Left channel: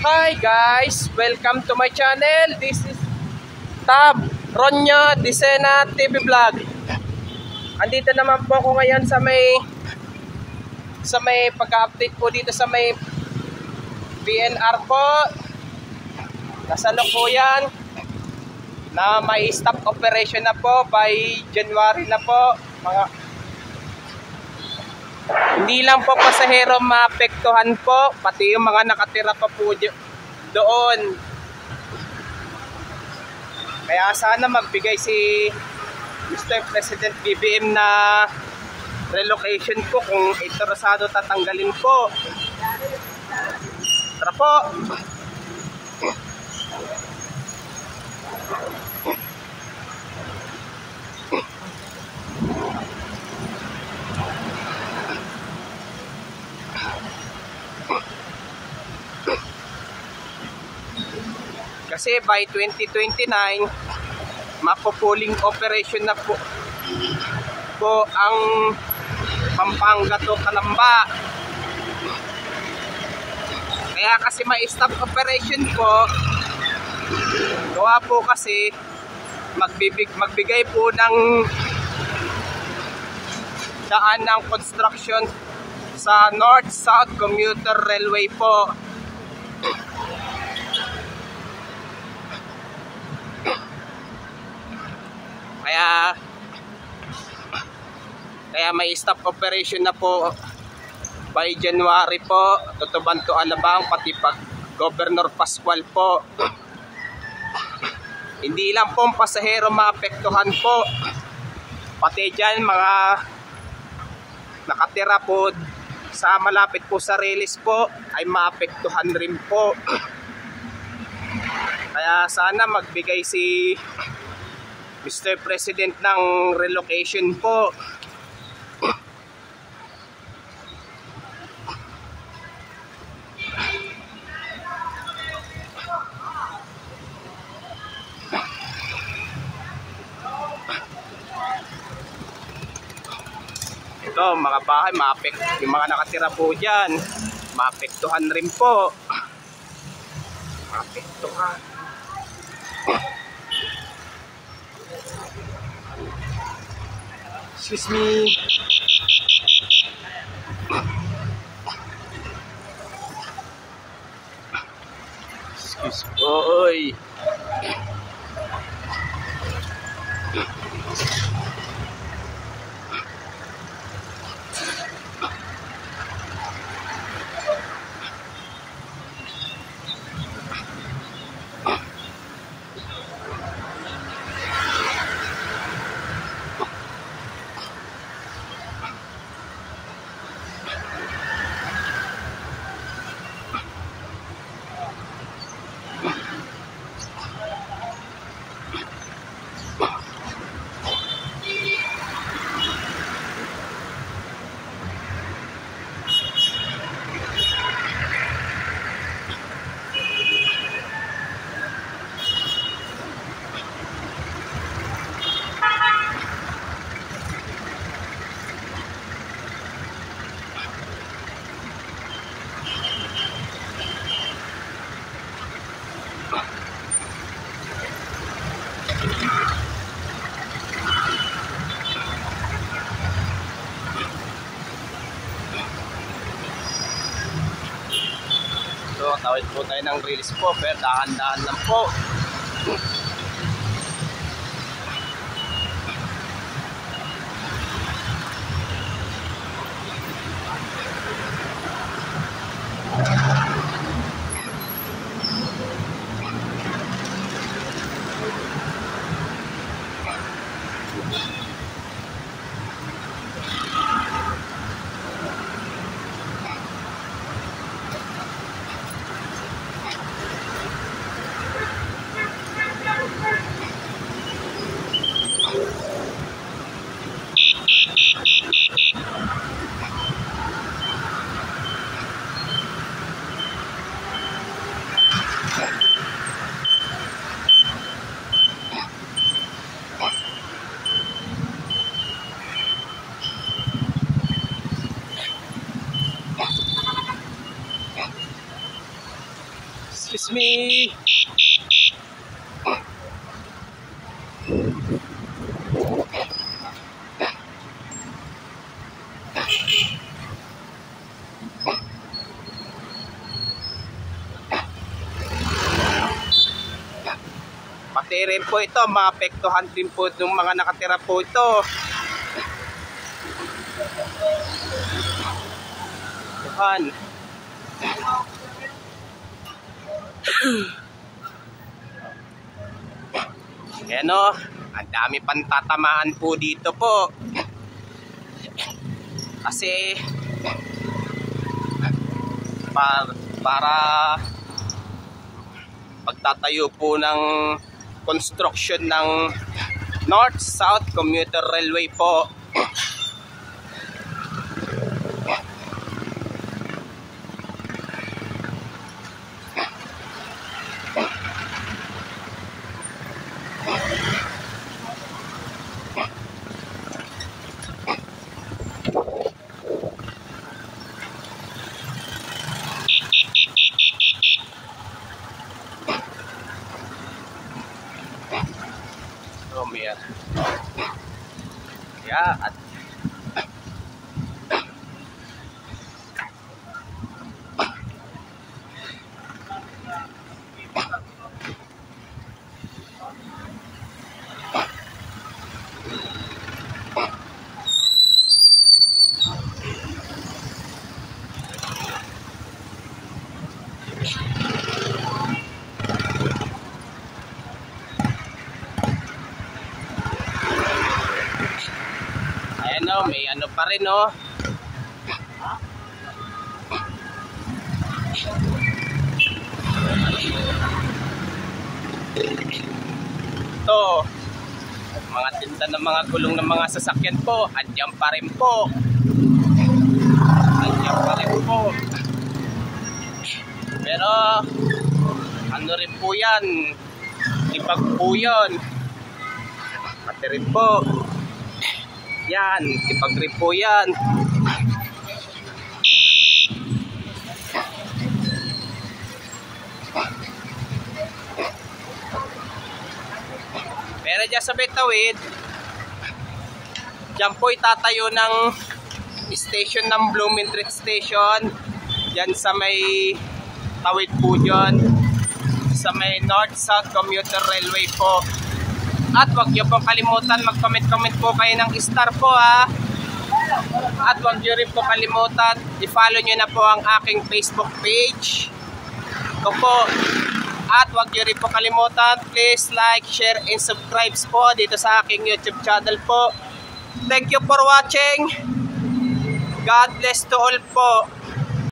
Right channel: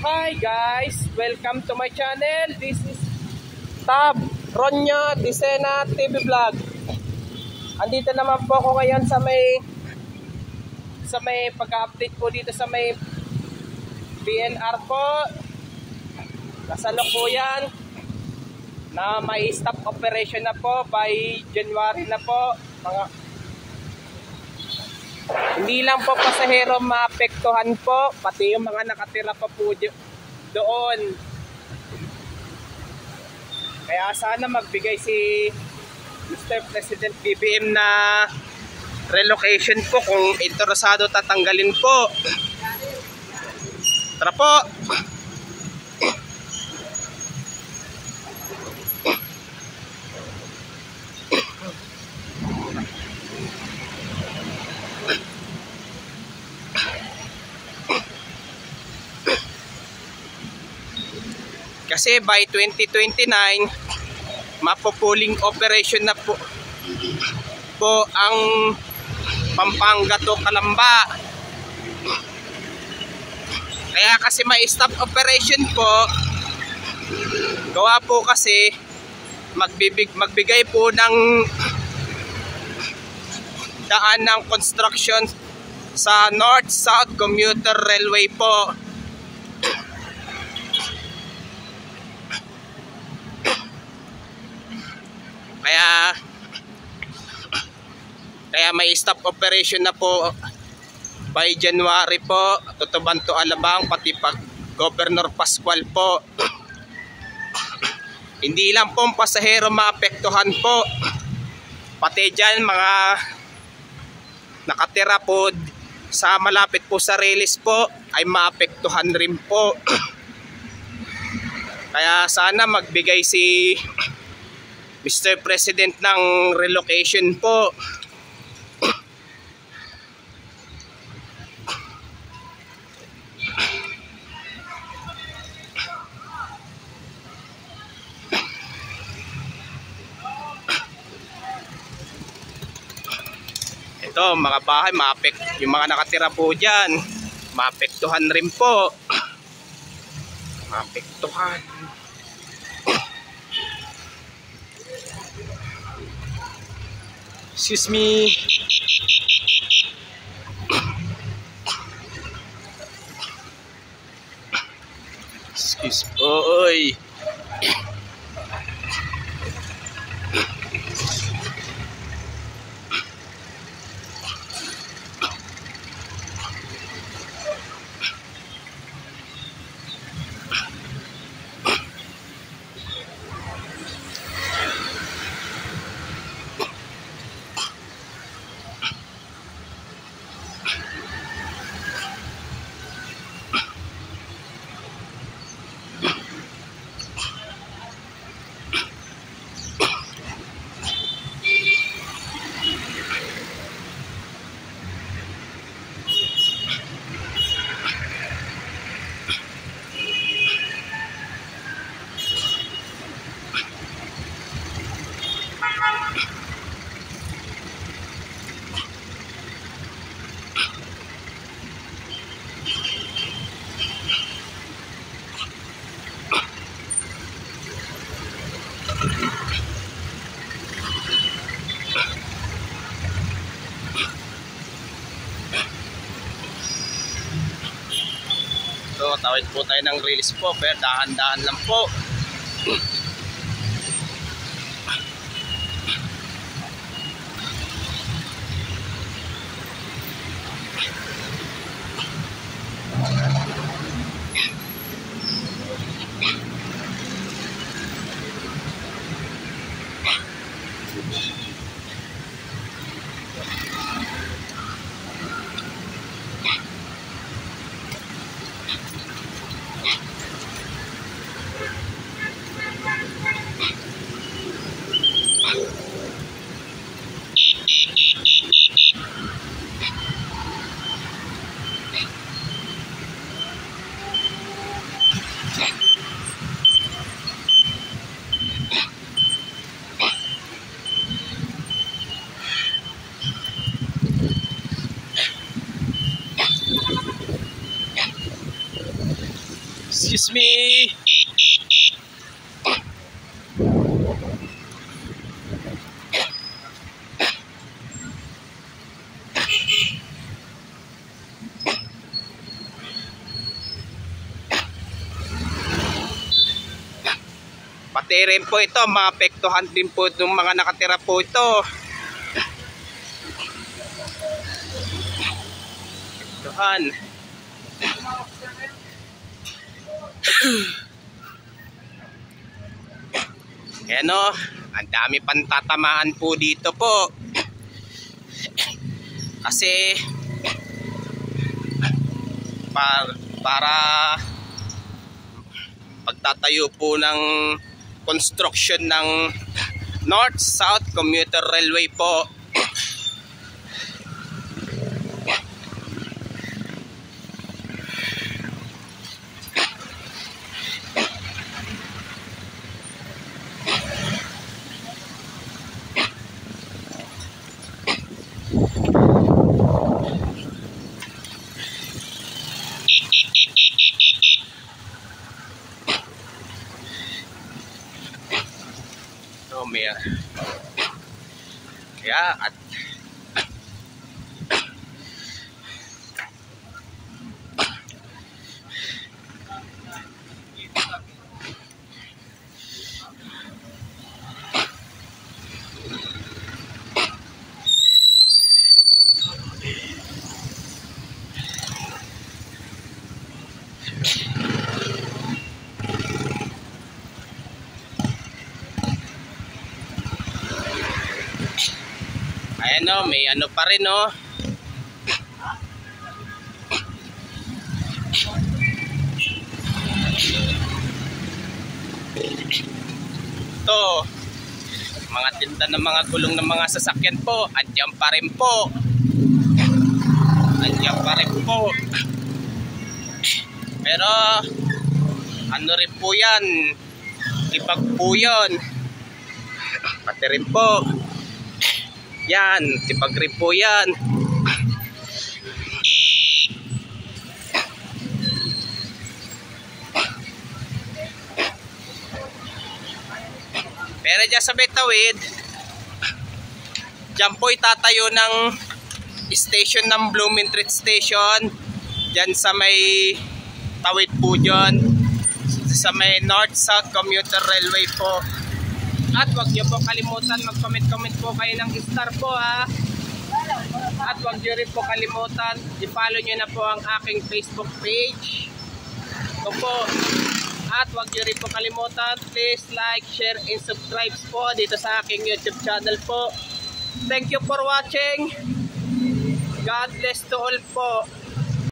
Hi guys! Welcome to my channel. This is Tab Ronyo Disena TV Vlog. Andito naman po ako ngayon sa may pag-update po dito sa may PNR po. Kasalukuyan na may stop operation na po by January na po. Hindi lang po pasahero maapektuhan po, pati yung mga nakatira pa po doon. Kaya sana magbigay si Mr. President BBM na relocation po. Kung interesado, tatanggalin po. Tara po! Kasi by 2029, mapo-pooling operation na po ang Pampanga to Calamba. Kaya kasi may stop operation po, gawa po kasi magbigay po ng daan ng construction sa North-South Commuter Railway po. Kaya may stop operation na po by January po. Cotabato Alabang, pati pa Governor Pascual po. Hindi lang po pasahero maapektuhan po, pati dyan mga nakatira po sa malapit po sa Relis po ay maapektuhan rin po. Kaya sana magbigay si Mr. President ng relocation po. Ito, mga bahay, yung mga nakatira po dyan, maapektuhan rin po. Maapektuhan. Excuse me. Excuse boy. So, tawid po tayo ng Relis po, pero dahan-dahan lang po. Excuse me. Pati rin po ito, maapektuhan din po itong mga nakatira po ito. Yan. Yan o, ang dami pang tatamaan po dito po. Kasi para pagtatayo po ng construction ng North-South Commuter Railway po. Kaya at ayan o, may ano pa rin o. Ito, mga tinda ng mga gulong ng mga sasakyan po, andyan pa rin po. Andyan pa rin po. Pero ano rin po yan, ibag po yun. Pati rin po yan, ibag rin po yan. Pero dyan sa Betawid, dyan po itatayo ng station ng Blumentritt Station. Dyan sa may Tawid po dyan, sa may North-South Commuter Railway po. At huwag nyo po kalimutan, mag-comment po kayo ng star po ha. At huwag nyo rin po kalimutan, i-follow nyo na po ang aking Facebook page. Ito po. At huwag nyo rin po kalimutan, please like, share, and subscribe po dito sa aking YouTube channel po. Thank you for watching. God bless to all po.